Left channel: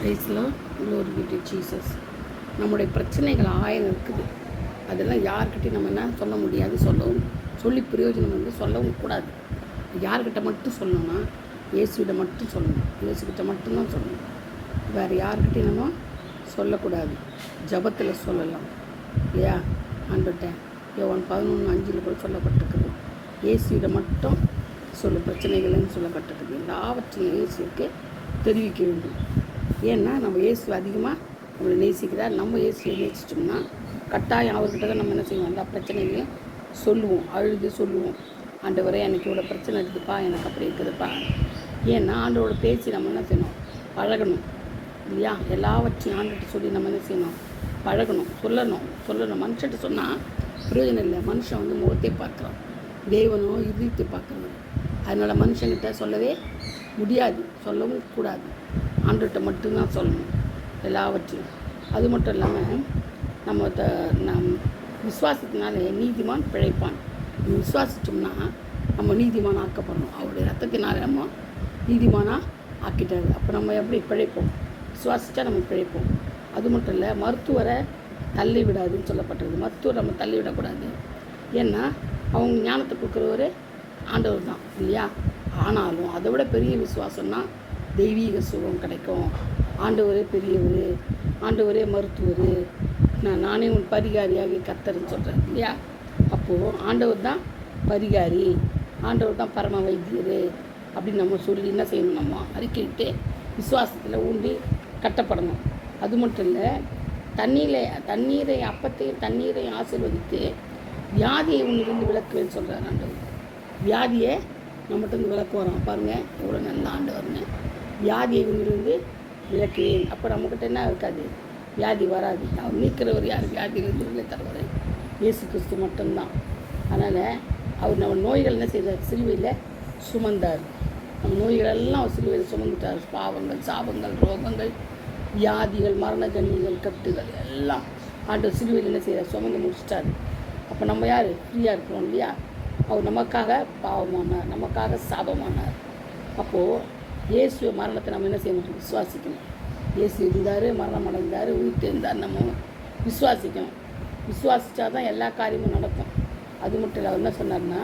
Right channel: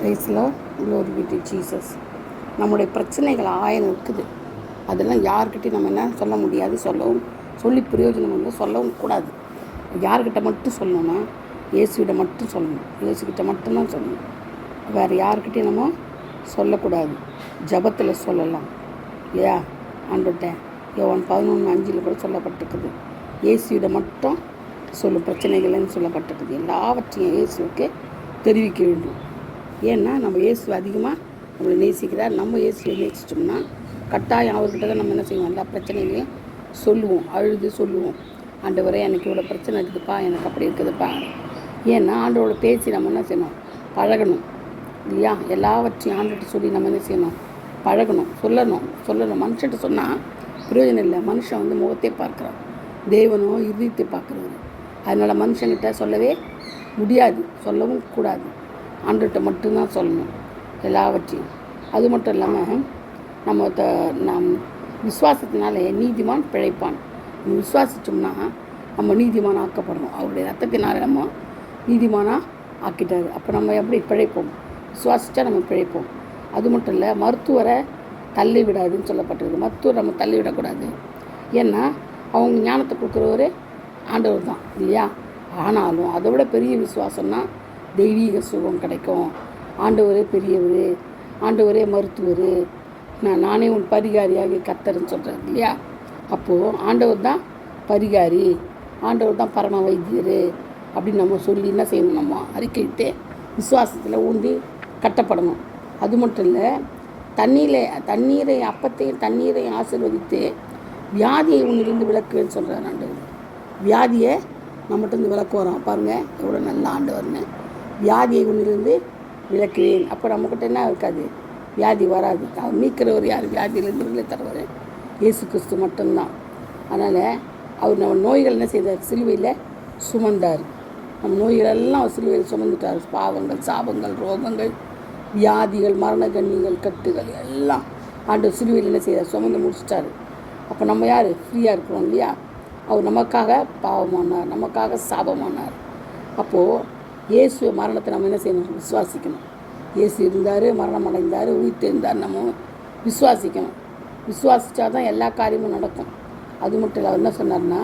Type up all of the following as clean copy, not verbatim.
பிரைஸ்லாம் glory B to Jesus. நம்முடைய பிரச்சனைகள் ஆயிரம் இருக்குது. அதெல்லாம் யார்கிட்டையும் நம்ம என்ன சொல்ல முடியாது, சொல்லி பிரயோஜனம் இல்லை, சொல்லவும் கூடாது. யார்கிட்ட மட்டும் சொல்லணும்னா இயேசுகிட்ட மட்டும் சொல்லணும், இயேசுகிட்ட மட்டும்தான் சொல்லணும். வேறு யார்கிட்டையும் நம்ம சொல்லக்கூடாது. ஜபத்தில் சொல்லலாம் இல்லையா? ஆண்டுகிட்ட யோவான் 11:5 கூட சொல்லப்பட்டிருக்குது. இயேசுவிட மட்டும் சொல்லும் பிரச்சனைகள்னு சொல்லப்பட்டிருக்குது. எல்லாவற்றையும் இயேசுக்கு தெரிவிக்க வேண்டும். ஏன்னா நம்ம இயேசு அதிகமாக நம்மளை நேசிக்கிறார். நம்ம இயேசுவை நேசிச்சோம்னா கட்டாயம் அவர்கிட்ட தான் நம்ம என்ன செய்வோம், எல்லா பிரச்சனைகளையும் சொல்லுவோம், அழுது சொல்லுவோம். ஆண்டவரே எனக்கு இவ்வளோ பிரச்சனை இருக்குதுப்பா, எனக்கு அப்படி இருக்குதுப்பா. ஏன்னா ஆண்டவரோட பேசி நம்ம என்ன செய்யணும், பழகணும் இல்லையா? எல்லாவற்றையும் ஆண்டுகிட்ட சொல்லி நம்ம என்ன செய்யணும், பழகணும், சொல்லணும். மனுஷன்கிட்ட சொன்னால் பிரயோஜனம் இல்லை. மனுஷன் முகத்தை பார்க்குறான், தேவனோ இதயத்தை பார்க்குறது. அதனால் மனுஷன்கிட்ட சொல்லவே முடியாது, சொல்லவும் கூடாது. ஆண்டுகிட்ட மட்டும்தான் சொல்லணும் எல்லாவற்றையும். அது மட்டும் இல்லாமல் நம் விசுவாசத்தினாலே நீதிமான் பிழைப்பான். விசுவாசித்தோம்னா நம்ம நீதிமான் ஆக்கப்படணும். அவருடைய ரத்தத்தினாலே நம்ம நீதிமானாக ஆக்கிட்டாரு. அப்போ நம்ம எப்படி பிழைப்போம்? விசுவாசித்தா நம்ம பிழைப்போம். அது மட்டும் இல்லை, மருத்துவரை தள்ளி விடாதுன்னு சொல்லப்பட்டிருக்கு. மருத்துவரை நம்ம தள்ளி விடக்கூடாது. ஏன்னா அவங்க ஞானத்தை கொடுக்குறவர் ஆண்டவர் தான் இல்லையா? ஆனாலும் அதை விட பெரிய விசுவாசம்னா தெய்வீக சுகம் கிடைக்கும். ஆண்டவரே பெரியவர், ஆண்டவரே மருத்துவர், நானே உன் பரிகாரியாக கர்த்தர்ன்னு சொல்கிறேன் இல்லையா? அப்போது ஆண்டவர் தான் பரிகாரி, ஆண்டவர் தான் பரம வைத்தியர் அப்படின்னு நம்ம சொல்லி என்ன செய்யணும், நம்ம அறிக்கையிட்டு விசுவாசத்தில் ஊன்றி கட்டப்படணும். அது மட்டும் இல்லை, தண்ணீரை அப்பத்தையும் தண்ணீரையும் ஆசீர்வதித்து வியாதியை உன்னிலிருந்து விளக்குவேன்னு சொல்கிறேன். ஆண்டவர் வியாதியை நம்மகிட்ட இருந்து விளக்கு வரோம் பாருங்கள், எவ்வளோ நல்ல ஆண்டவர்னு. வியாதியை உன்னிலிருந்து விளக்குவேன். அப்போ நம்மக்கிட்ட என்ன இருக்காது, வியாதி வராது. அவர் நீக்கிறவர் யார்? வியாதியிலிருந்து தருவார் இயேசு கிறிஸ்து மட்டும்தான். அதனால் அவர் நம்ம நோய்கள் என்ன செய்தார், சிலுவையில் சுமந்தார். நம்ம நோய்களெல்லாம் அவர் சிலுவையில் சுமந்துட்டார். பாவங்கள், சாபங்கள், ரோகங்கள், வியாதிகள், மரண கண்ணிகள், கட்டுகள் எல்லாம் ஆண்டவர் சிலுவையில் என்ன செய்தார், சுமந்து முடிச்சிட்டார். அப்போ நம்ம யார்? ஃப்ரீயாக இருக்கிறோம் இல்லையா? அவர் நமக்காக பாவமானார், நமக்காக சாபமானார். அப்போது இயேசு மரணத்தை நம்ம என்ன செய்யணும், விசுவாசிக்கணும். இயேசு இருந்தார், மரணம் அடைந்தார், உயிர்த்து இருந்தார், நம்ம விசுவாசிக்கணும். விசுவாசித்தா தான் எல்லா காரியமும் நடக்கும். அது மட்டும் இல்லை, அவர் என்ன சொன்னார்னா,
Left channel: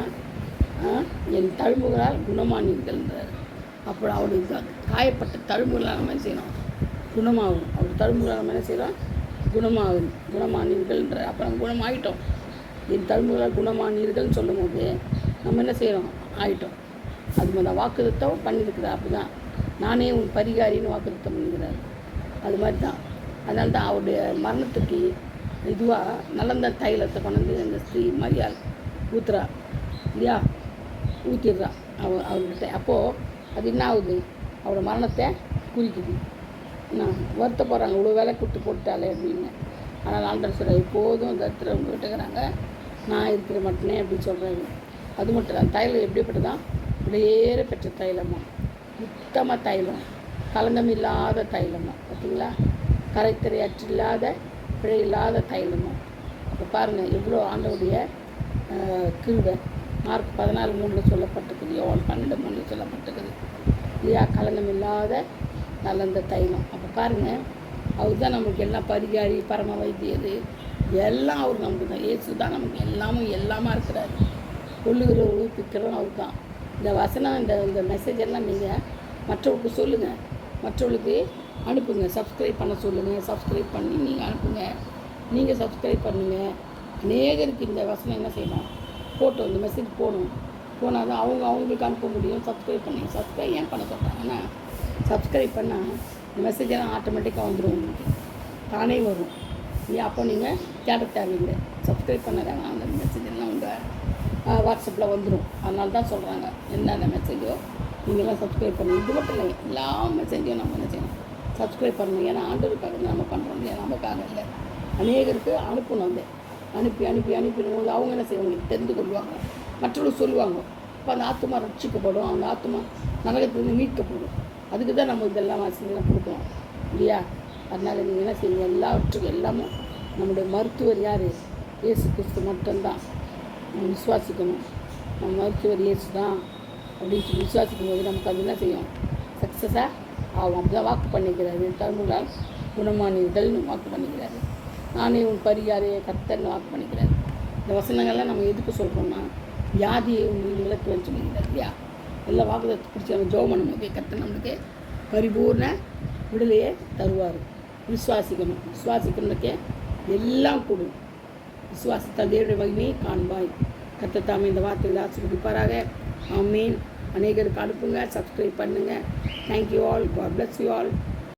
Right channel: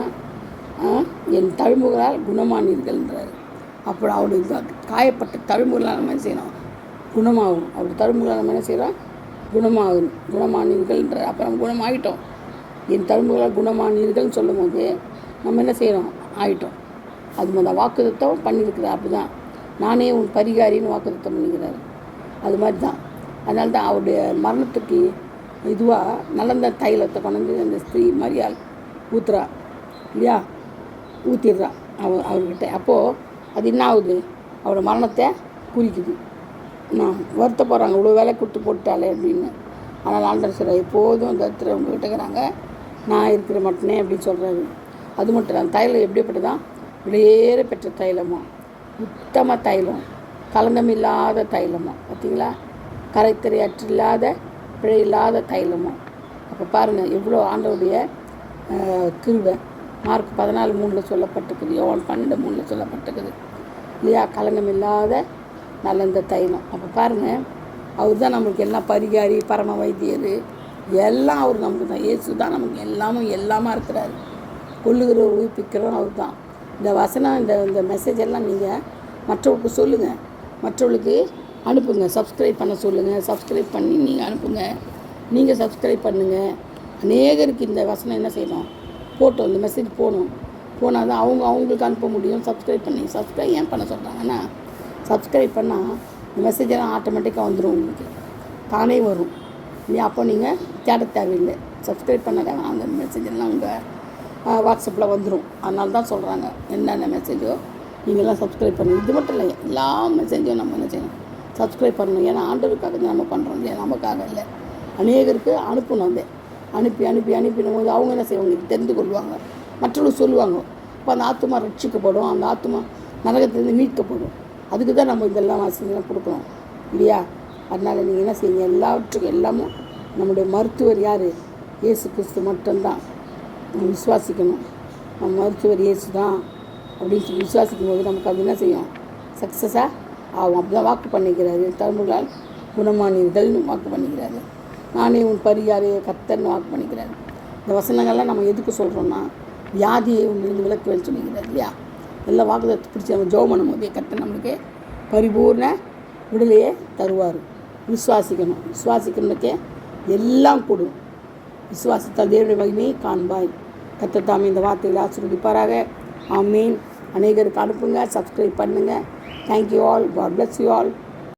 என் தழும்புகளால் குணமானீர்கள்ன்றார். அப்போ அவருடைய காயப்பட்ட தழும்புகளால் நம்ம என்ன செய்யணும், குணமாகும். அவருடைய தழும்புகளால் நம்ம என்ன செய்கிறோம், குணமானீர்கள்ன்றார். அப்போ நம்ம குணமாகிட்டோம். என் தழும்புகளால் குணமானீர்கள்னு சொல்லும் போது நம்ம என்ன செய்கிறோம், ஆகிட்டோம். அது மாதிரி வாக்குத்தத்தம் பண்ணியிருக்கிறார். அப்படி தான் நானே உன் பரிகாரின்னு வாக்குத்தத்தம் பண்ணிக்கிறார். அது மாதிரி தான். அதனால தான் அவருடைய மரணத்துக்கு இதுவாக நலந்த தைலத்தை கொண்டு அந்த ஸ்திரீ மரியாள் ஊற்றுறா இல்லையா, ஊற்றிடுறா அவர்கிட்ட. அப்போது அது என்ன ஆகுது, அவரோட மரணத்தை குறிக்குது. நான் வருத்தப்படுறாங்க, இவ்வளோ வேலை கொடுத்து போட்டாலே அப்படின்னு. ஆனால் ஆண்டவர் சொல்கிறார், எப்போதும் தரித்திரம் உங்கள்கிட்ட இருக்கிறாங்க, நான் இருக்கிற மட்டுனே அப்படின்னு சொல்கிறாரு. அது மட்டும் இல்லை, தைலம் எப்படிப்பட்டதான், விலையேற பெற்ற தைலமோ, உத்தம தைலம், கலந்தமில்லாத தைலமோ, பார்த்தீங்களா? கரைத்திரையற்றில்லாத பிழையில்லாத தைலமோ. அப்போ பாருங்கள் எவ்வளோ ஆண்டவருடைய கிருபை. மார்க் 14:3 சொல்லப்பட்டிருக்குது, யோவான் 12:3 சொல்லப்பட்டிருக்குது இல்லையா? கலங்கமில்லாத நல்ல தைலம். அப்போ பாருங்கள், அவர் தான் நம்மளுக்கு எல்லாம் பரிகாரி, பரம வைத்தியர், எல்லாம் அவர் நமக்கு தான். இயேசு தான் நமக்கு எல்லாமா இருக்கிறாரு. கொள்ளுகிறவர் உயிர்ப்பிக்கிறோம் அவர் தான். இந்த வசனம், இந்த மெசேஜ் எல்லாம் நீங்கள் மற்றவங்களுக்கு சொல்லுங்கள், மற்றவர்களுக்கு அனுப்புங்க. சப்ஸ்கிரைப் பண்ண சொல்லுங்கள், சப்ஸ்கிரைப் பண்ணி நீங்கள் அனுப்புங்க. நீங்கள் சப்ஸ்கிரைப் பண்ணுங்கள். அநேகருக்கு இந்த வசனம் என்ன செய்யலாம், போட்டோம், இந்த மெசேஜ் போனால் தான் அவங்களுக்கு அனுப்ப முடியும். சப்ஸ்கிரைப் ஏன் பண்ண சொல்கிறாங்கன்னா, சப்ஸ்கிரைப் பண்ணால் இந்த மெசேஜெல்லாம் ஆட்டோமேட்டிக்காக வந்துடும், உங்களுக்கு தானே வரும் இல்லையா? அப்போ நீங்கள் தேட தேவையில்லை. சப்ஸ்கிரைப் பண்ணாதான் அந்த மெசேஜெல்லாம் உங்கள் வாட்ஸ்அப்பில் வந்துடும். அதனால தான் சொல்கிறாங்க, என்னென்ன மெசேஜோ நீங்கள்லாம் சப்ஸ்கிரைப் பண்ணணும். இது மட்டும் இல்லை, எல்லா மெசேஜையும் நம்ம என்ன செய்யணும், சப்ஸ்கிரைப் பண்ணணும். ஏன்னா ஆண்டவருக்காக நம்ம பண்ணுறோம் இல்லையா, நமக்காக இல்லை. அநேகருக்கு அனுப்பணும். அதை அனுப்பிடும் போது அவங்க என்ன செய்வாங்க, தெரிந்து கொள்வாங்க, மற்றவர்கள் சொல்லுவாங்க. இப்போ அந்த ஆத்மா ரட்சிக்கப்படும், அந்த ஆத்மா நரகத்திலேருந்து மீட்கப்படும். அதுக்கு தான் நம்ம இதெல்லாம் வாசிக்கலாம் கொடுக்கணும் இல்லையா? அதனால் நீங்கள் என்ன செய்யுங்க, எல்லாவற்றுக்கும் எல்லாமும் நம்முடைய மருத்துவர் யார், இயேசு கிறிஸ்து மட்டும்தான். நம்ம விசுவாசிக்கணும், நம்ம மருத்துவர் இயேசு தான் அப்படின்னு சொல்லி விசுவாசிக்கும் போது நமக்கு அது என்ன செய்யும், சக்ஸஸாக ஆகும். அப்படி தான் வாக்கு பண்ணிக்கிறாரு. தழும்புகளால் குணமானீர்கள்னு வாக்கு பண்ணிக்கிறாரு. நானே உன் பரிகாரையை கர்த்தர்னு வாக்கு பண்ணிக்கிறாரு. இந்த வசனங்கள்லாம் நம்ம எதுக்கு சொல்கிறோன்னா, வியாதியை உங்களுக்கு விளக்குன்னு சொல்லிக்கிறார் இல்லையா? எல்லா வாக்குதத்தை பிடிச்சி நம்ம ஜெபம் பண்ணும்போது கர்த்தர் நம்மளுக்கு பரிபூர்ண விடுதலையே தருவார். விசுவாசிக்கணும். விசுவாசிக்கிறதுக்கே எல்லாம் கூடும். விசுவாசித்தால் தேவனுடைய மகிமையை காண்பாய். கர்த்தர் தாமே இந்த வார்த்தைகளை ஆசீர்வதிப்பாராக. ஆமீன். அநேகருக்கு அனுப்புங்க, சப்ஸ்கிரைப் பண்ணுங்கள். Thank you all. God bless you all.